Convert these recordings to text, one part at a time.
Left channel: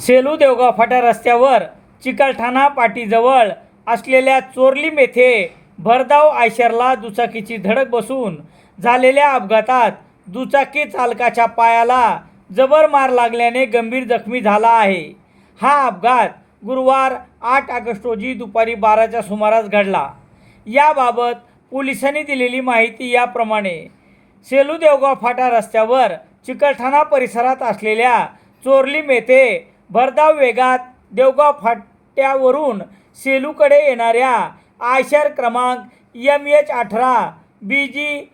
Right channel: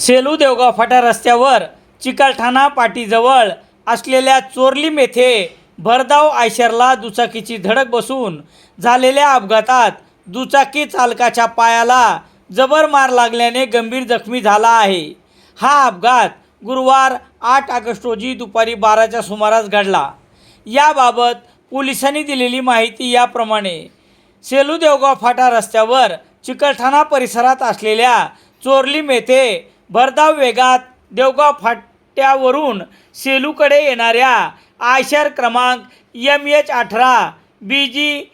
सेलू देवगाव फाटा रस्त्यावर चिकलठाणा पाटीजवळ असलेल्या चोरलीम येथे भरधाव आयशरला दुचाकीची धडक बसून झालेल्या अपघातात दुचाकी चालकाच्या पायाला जबर मार लागल्याने गंभीर जखमी झाला आहे. हा अपघात गुरुवार आठ ऑगस्ट रोजी दुपारी बाराच्या सुमारास घडला. याबाबत पोलिसांनी दिलेली माहिती याप्रमाणे सेलू देवगाव फाटा रस्त्यावर चिकलठाणा परिसरात असलेल्या चोरलीम येथे भरधाव वेगात देवगाव फाट्यावरून सेलूकडे येणाऱ्या आयशर क्रमांक एम एच अठरा बी जी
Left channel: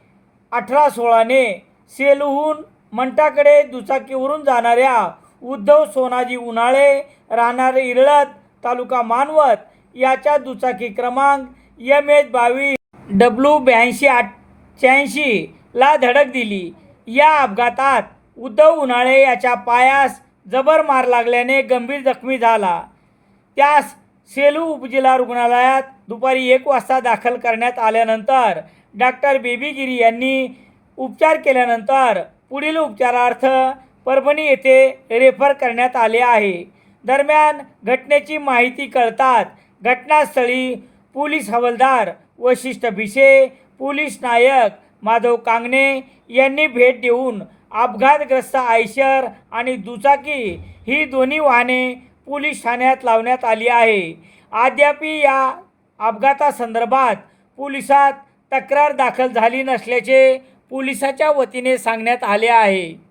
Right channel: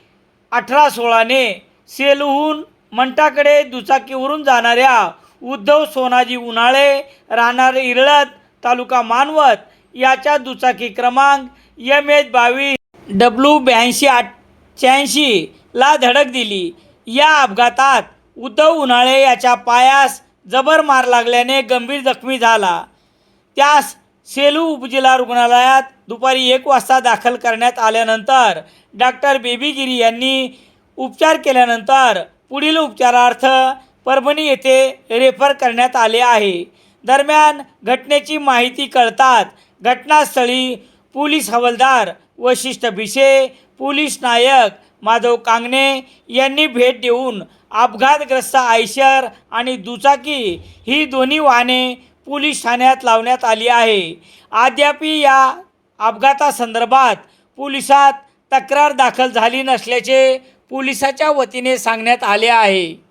अठरा सोळाने सेलूहून मंठाकडे दुचाकीवरून जाणाऱ्या उद्धव सोनाजी उन्हाळे राहणार इरळत तालुका मानवत याच्या दुचाकी क्रमांक एम एच बावीस डब्ल्यू ब्याऐंशी आठ ला धडक दिली. या अपघातात उद्धव उन्हाळे याच्या पायास जबर मार लागल्याने गंभीर जखमी झाला. त्यास सेलू उपजिल्हा रुग्णालयात दुपारी एक वाजता दाखल करण्यात आल्यानंतर डॉक्टर बेबीगिरी यांनी उपचार केल्यानंतर पुढील उपचारार्थ परभणी येथे रेफर करण्यात आले आहे. दरम्यान घटनेची माहिती कळताच घटनास्थळी पोलीस हवालदार वशिष्ठ भिसे पोलीस नायक माधव कांगणे यांनी भेट देऊन अपघातग्रस्त आयशर आणि दुचाकी ही दोन्ही वाहने पोलीस ठाण्यात लावण्यात आली आहे. अद्यापी या अपघातासंदर्भात पोलिसात तक्रार दाखल झाली नसल्याचे पोलिसाच्या वतीने सांगण्यात आले आहे.